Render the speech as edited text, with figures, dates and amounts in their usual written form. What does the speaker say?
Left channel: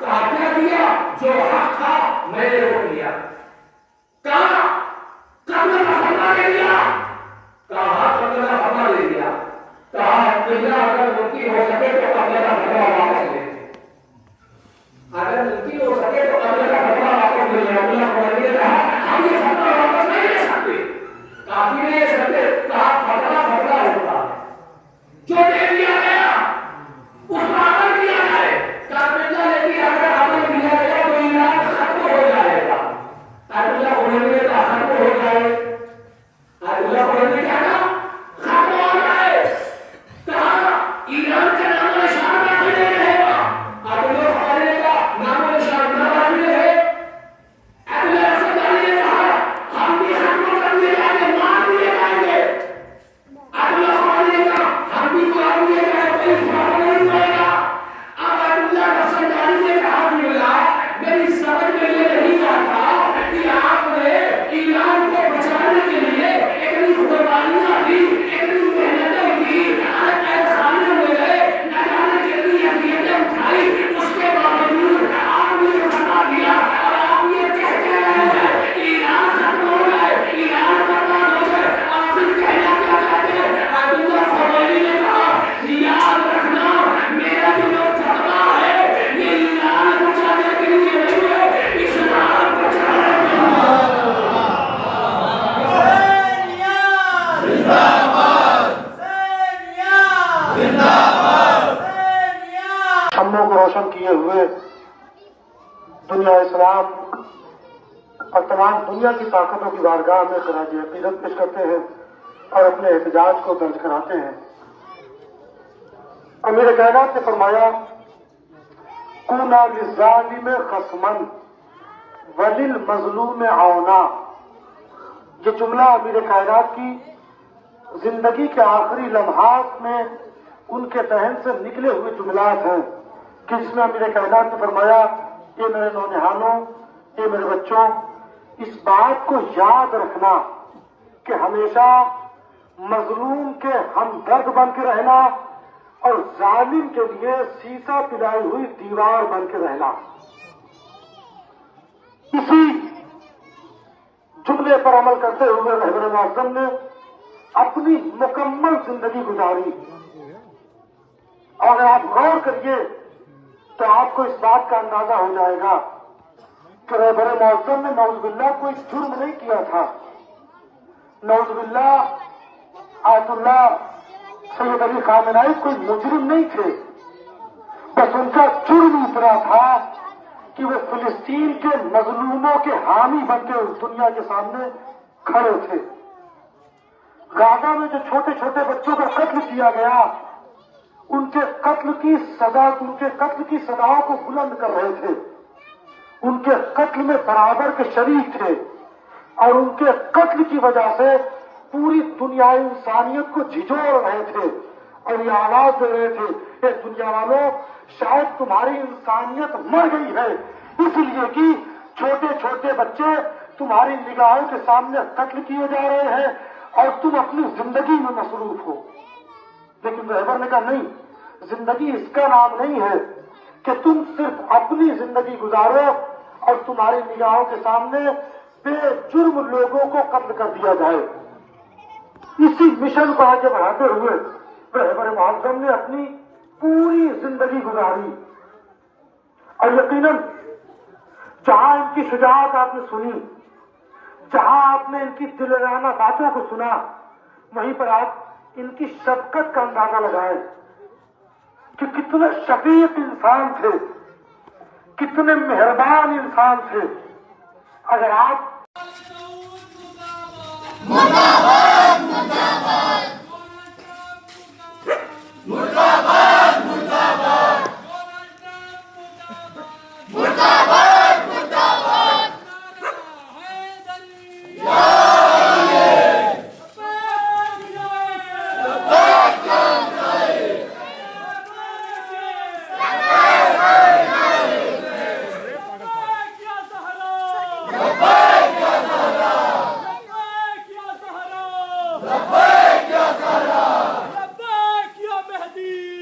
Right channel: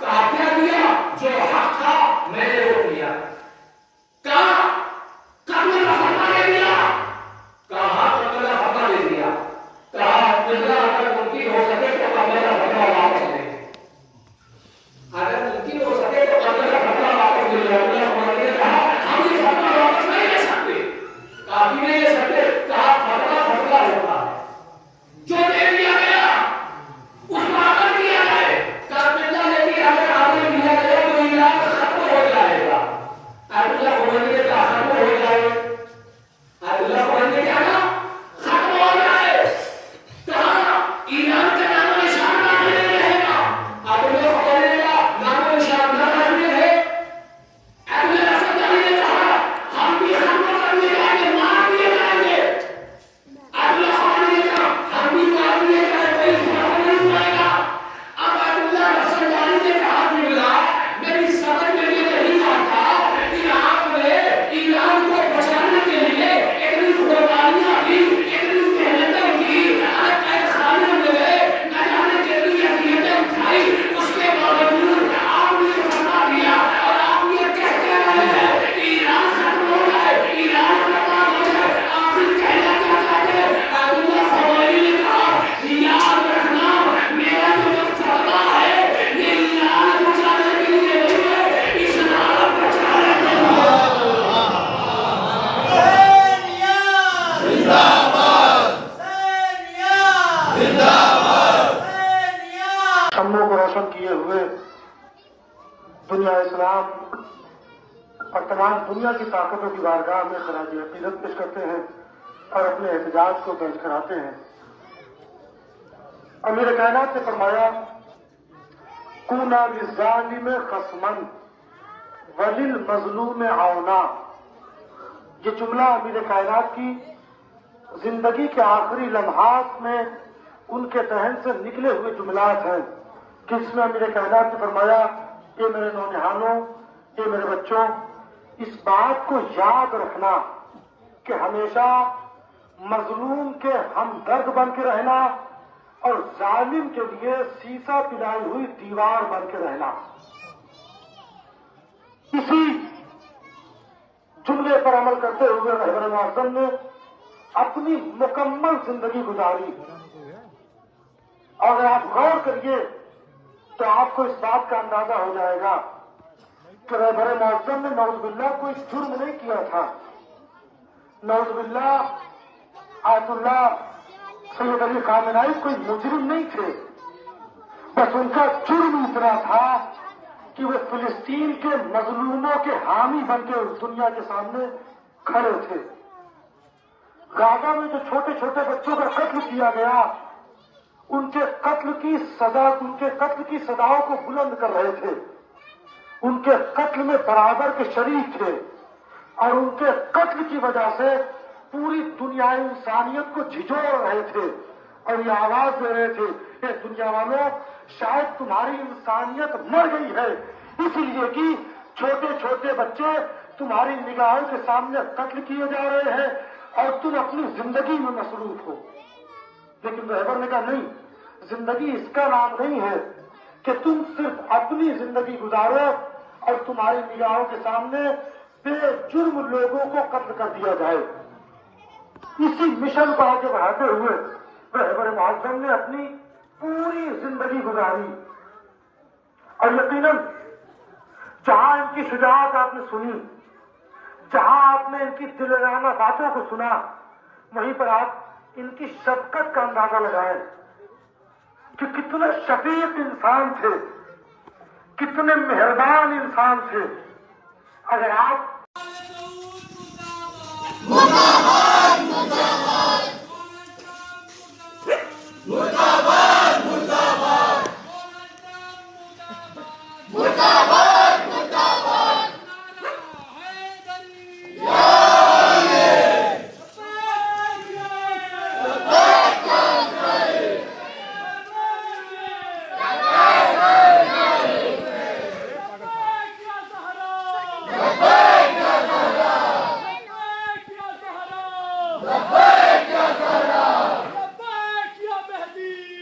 کہا کیا کیا؟ جو حق تھا میں نے وہ کیا. کہا قبل کا فتویٰ دے دیا. کہا قبل کا فتویٰ دے دیا. کہا قبلہ اگر ممکن ہو سکے تو قبل کا فتویٰ واپس لے. اگر ممکن ہو سکے تو قبل کا فتویٰ واپس لے. اللہ نے کہا ہم یہ فتویٰ واپس نہیں لے سکتے. کافی نہیں لے سکتے. کہا فتویٰ فتویٰ ہوتا ہے جو دے دیا گیا اس پر عمل کیا جائے. قبلہ لیکن اگر عمل کیا گیا تو ایران ختم ہو جائے گا. اللہ بولنے کا ختم ہو جائے. اللہ بولنے کا ختم ہو جائے. کہا ایران کا نام و نشان باقی نہیں رہے گا. اللہ بولنے کا نام و نشان باقی رہے. اللہ رسول اللہ نے کہا ہم بھی ختم کر دیے جائیں گے, مار دیے جائیں گے. اللہ بولنے کا ہم بھی مار دیے جائیں گے, کوئی فرق نہیں پڑے گا. اب اللہ رسول اللہ نے کہا میری سمجھ میں یہ نہیں آتا کہ آپ نے ایران کو بچانے کے لیے اتنی قربانیاں دی, اتنی محنتیں کی, قید خانے میں گئے, نہ جانے کتنی اذیتیں اٹھائی, اس کے باوجود آپ نے یہ فتویٰ دیا اور آپ یہ کہتے ہیں کہ ایران ختم ہو جائے, ایران برباد ہو جائے. آپ پھر کہنا کیا چاہتے ہیں؟ عبداللہ خمینی نے کہا یاد رکھنا میرا جو فتویٰ ہے یہ ایران بچانے کے لیے نہیں ہے, اسلام بچانے کے لیے. شموں کو روشن کیے ہوئے دنیا اسلام اور تمام دنیا کی طاقتوں کی بارگاہ میں خراج عقیدت پیش کرتے ہیں اور اپنے احتجاج کو درج کراتے ہیں. امیر کائنات نے فرمایا کونا للظالم خصمن وللمظلوم عونا. یہ جملہ امیر کائنات کی زندگی کے آخری لمحات میں ان کے ذہن سے نکلے ہوئے جملات ہیں کہ جس میں امیر کائنات نے فرمایا یہ میرے نونہالوں, یہ میرے بچوں, اس بات کو یاد رکھنا کہ ہمیشہ مظلوم کے ہمدرد بن کے رہنا اور ظالم کے لیے سیسا پلائی ہوئی دیوار بن کے رہنا. اسی جملے پر عمل کرتے ہوئے رہبر معظم نے اپنی مکمل زندگی گزاری. اور اگر آپ غور کریے تو آپ کو اس بات کا اندازہ ہو جائے گا کہ رہبر معظم نے نعوذ باللہ کوئی جرم نہیں کیا تھا. نعوذ باللہ آیت اللہ سید علی خامنہئی کوئی مجرم نہیں تھے. بس ان کا جرم اتنا تھا کہ وہ فلسطین کے مظلوموں کے حامی بن کے اس دنیا کے سامنے کھڑے تھے. غازہ میں جو چھوٹے چھوٹے بچوں کا قتل کیا گیا ان کے قتل کی سزاؤں کو بلند کر رہے تھے. ان کے قتل میں برابر کے شریک تھے اور ان کے قتل کی وجہ سے پوری دنیا انسانیت کو جھجوڑ رہے تھے اور یہ آواز دے رہے تھے کہ دنیا والوں شاید تمہاری انسانیت مر گئی ہے, اس لیے کہ چھوٹے چھوٹے بچے تمہاری نگاہوں کے سامنے قتل کیے جا رہے ہیں اور تم اپنی زندگی میں مصروف ہو. لیکن رہبر نے کہا نہیں, زندگی اس کا نام نہیں ہے کہ تم صرف اپنی زندگی گزارو اور تمہاری نگاہوں کے سامنے بے جرم لوگوں کو قتل کر دیا جائے. اسی مشن کو آگے بڑھاتے ہوئے رہبر معظم نے اپنی پوری زندگی گزاری اور یقیناً جہاں ان کی شجاعت آپ نے سنی, جہاں آپ نے ان کی دلرانہ باتوں کو سنا, وہیں پر آپ ان کی شفقت کا اندازہ لگائیں کہ کتنے شفیق انسان تھے, کتنے مہربان انسان تھے. اگر آپ لبیک یا مہدی